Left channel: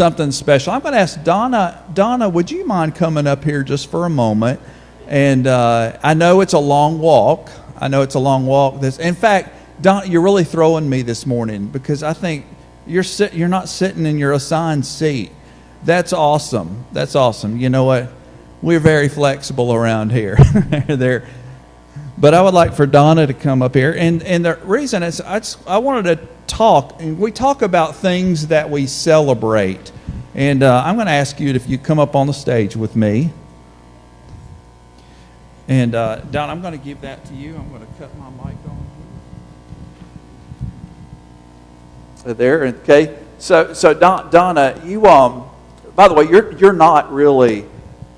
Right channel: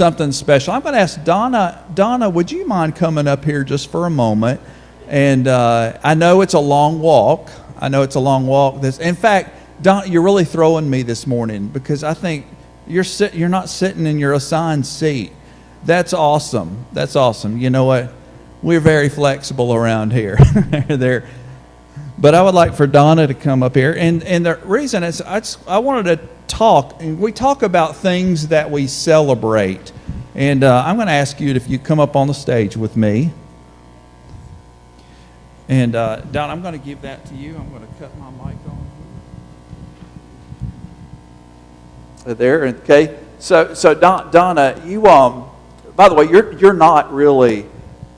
something special. I'm going to ask Donna. Donna, would you mind coming up here just for a moment? And I know it's a long walk. In fact, Don, you're really throwing me this morning because I think you're not sitting in your assigned seat. That's awesome. That's awesome. You know what? We're very flexible around here. There. But I would like for Donna to come up here. And the reason is I wanted to talk, and we talk about things that we celebrate. And I'm going to ask you if you come up on the stage with me. And Donna, I'm going to give that to you. I'm going to cut my mic off. So there, okay. So Donna, you by the way, you're not really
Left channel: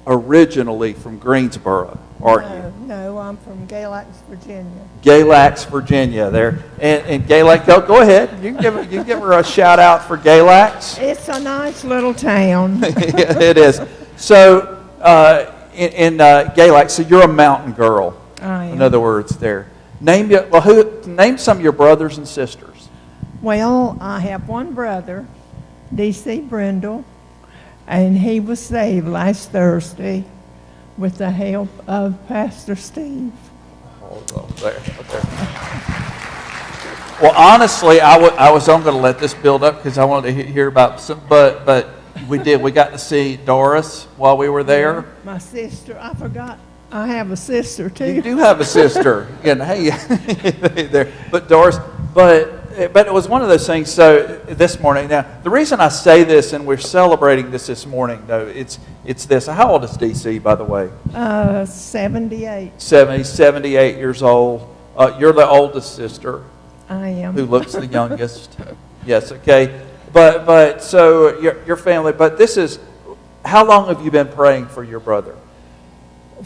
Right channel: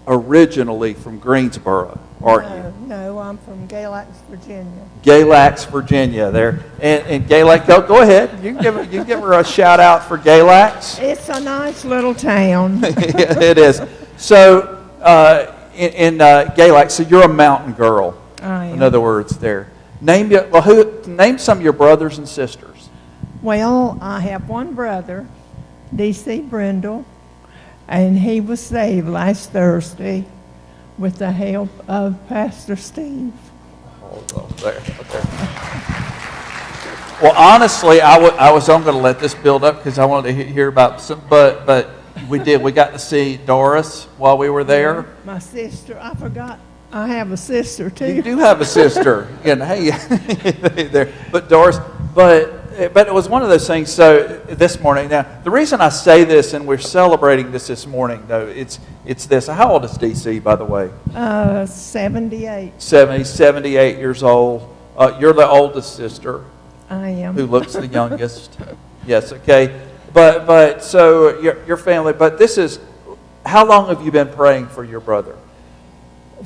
originally from Greensboro, are you? No, I'm from Galax, Virginia. Galax, Virginia. There, and Galax. Go ahead. You give her a shout out for Galax. It's a nice little town. Yeah, it is. So in Galax, so you're a mountain girl. I am. In other words, there. Name some of your brothers and sisters. Well, I have one brother, D.C. Brindle, and he was saved last Thursday with the help of Pastor Steve. Hold up there. Well, honestly, I was going to let this build up because I wanted to hear about some, but we did. We got to see Doris while we were there. My sister, I forgot. I have a sister too. You do have a sister, and hey, there. But Doris, but it was one of those things. So this morning, now the reason I say this, and we're celebrating this morning, though, it's this. How old is DC, by the way? 78. 78 years old. You're the oldest sister. I am. Who looks the youngest? Yes. Okay. But so your family. But this is. How long have you been praying for your brother?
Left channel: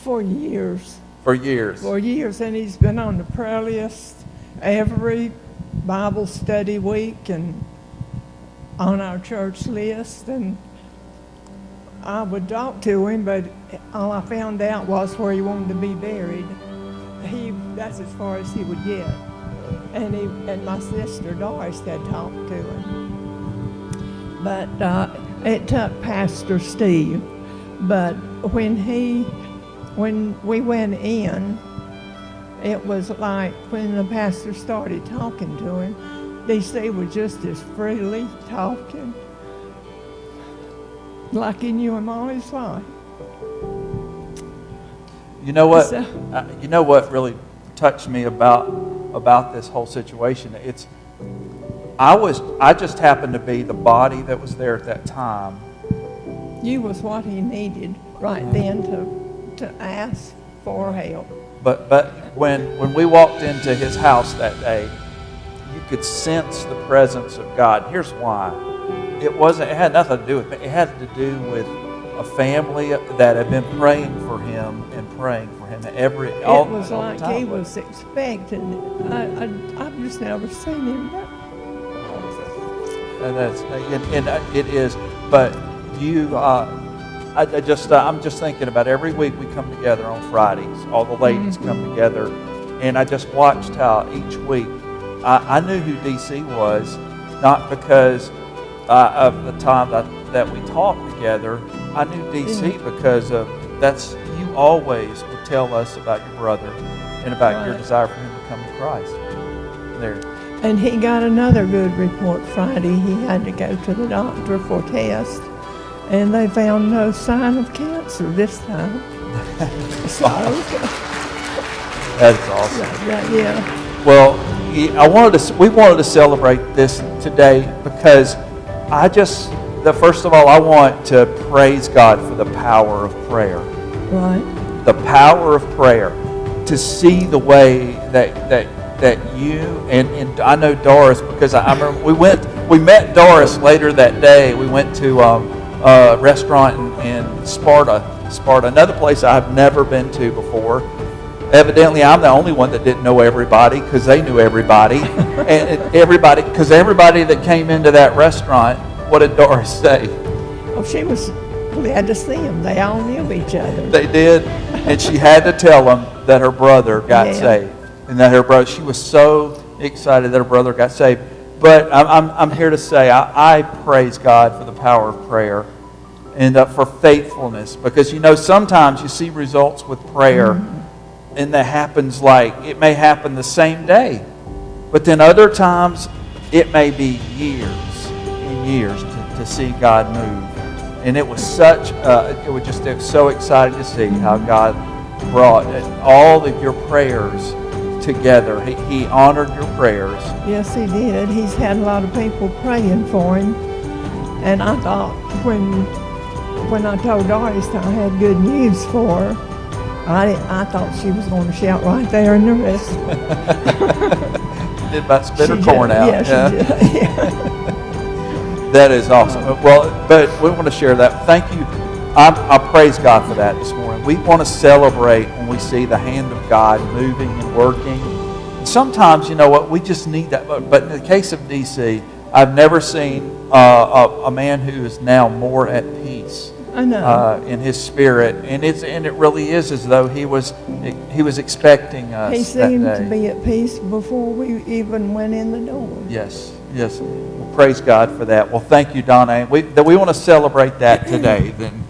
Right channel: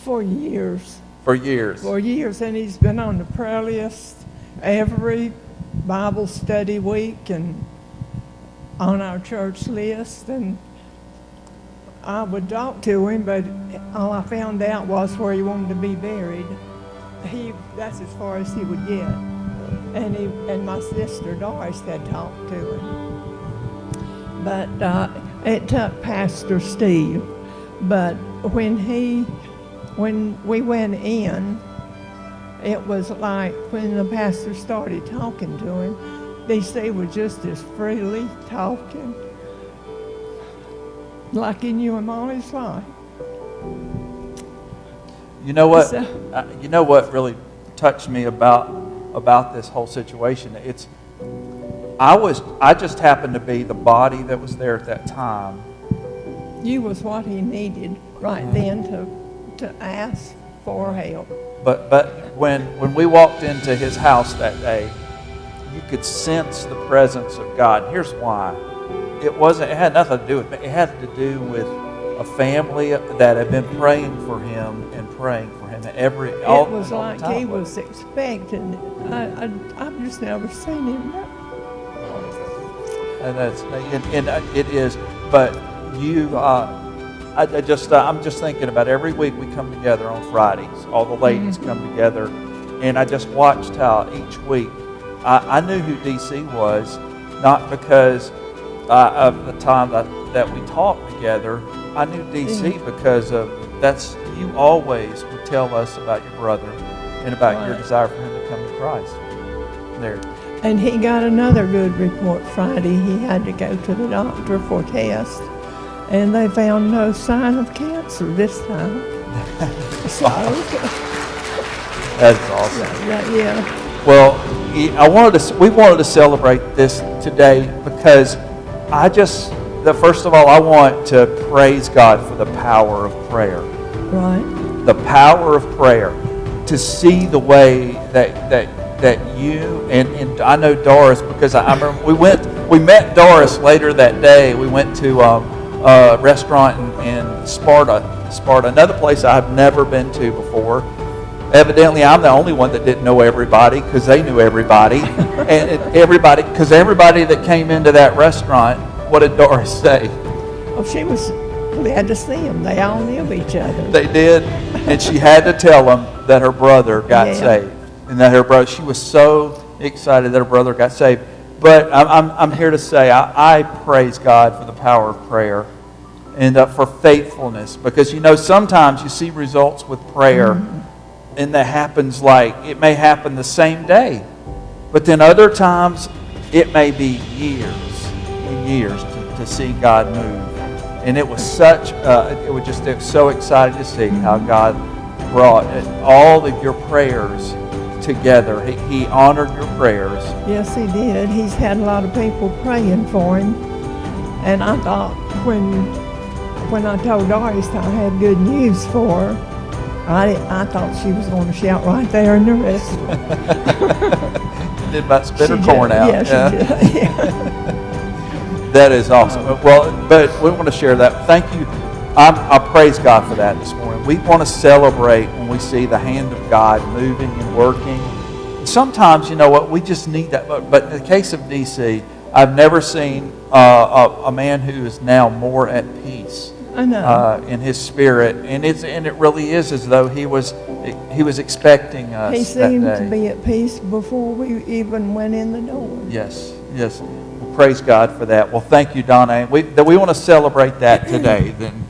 For years. For years. For years, and he's been on the prayer list every Bible study week and on our church list, and I would talk to him, but all I found out was where he wanted to be buried. That's as far as he would get. And my sister Doris had talked to him. But it took Pastor Steve. But when we went in, it was like when the pastor started talking to him, DC was just as freely talking, like he knew him all his life. You know what? You know what really touched me about this whole situation? I just happened to be the body that was there at that time. You was what he needed right then to ask for help. But when we walked into his house that day, you could sense the presence of God. Here's why. It had nothing to do with it. It had to do with a family that had been praying for him and praying for him all the time. Like he was expecting it. I've just never seen him. And it is. But I'm just thinking about every week we come together on Fridays. All the ladies come together, and I just watched how each week I knew who DC was, not because of the time that we talked together. I knew DC because you always would tell us about your brother and about your desire for him to come to Christ. There. And he got another good report Friday. He had to go to the doctor for a test, and they found no sign of cancer this time. That's awesome. Yeah. Well, we wanted to celebrate this today because first of all, I want to praise God for the power of prayer. Right. The power of prayer. To see the way that you and I know Doris, because I remember we met Doris later that day. We went to a restaurant in Sparta, another place I've never been to before. Evidently, I'm the only one that didn't know everybody because they knew everybody. and everybody that came into that restaurant, what did Doris say? Oh, we had to see them. They all knew each other. They did. And she had to tell them that her brother got saved. And that she was so excited that her brother got saved. But I'm here to say I praise God for the power of prayer and for faithfulness, because sometimes you see results with prayer, and that happens, like it may happen the same day, but then other times it may be years to see God move. And it was so exciting to see how God brought all of your prayers together. He honored your prayers. Yes, he did. He's had a lot of people praying for him. And I thought when I told Doris I had good news for her, I thought she was going to shout right there in the restaurant. She did about spit her corn out. Yeah, she did. Yeah. That is awesome. Well, but we want to share that. Thank you. I praise God for that this morning. We want to celebrate when we see the hand of God moving and working. Sometimes, we just need that. But in the case of DC, I've never seen a man who is now more at peace. I know. In his spirit, and it really is as though he was expecting us. He seemed to be at peace before we even went in the door. Yes. Praise God for that. Well, thank you, Donna. And we want to celebrate that today. Then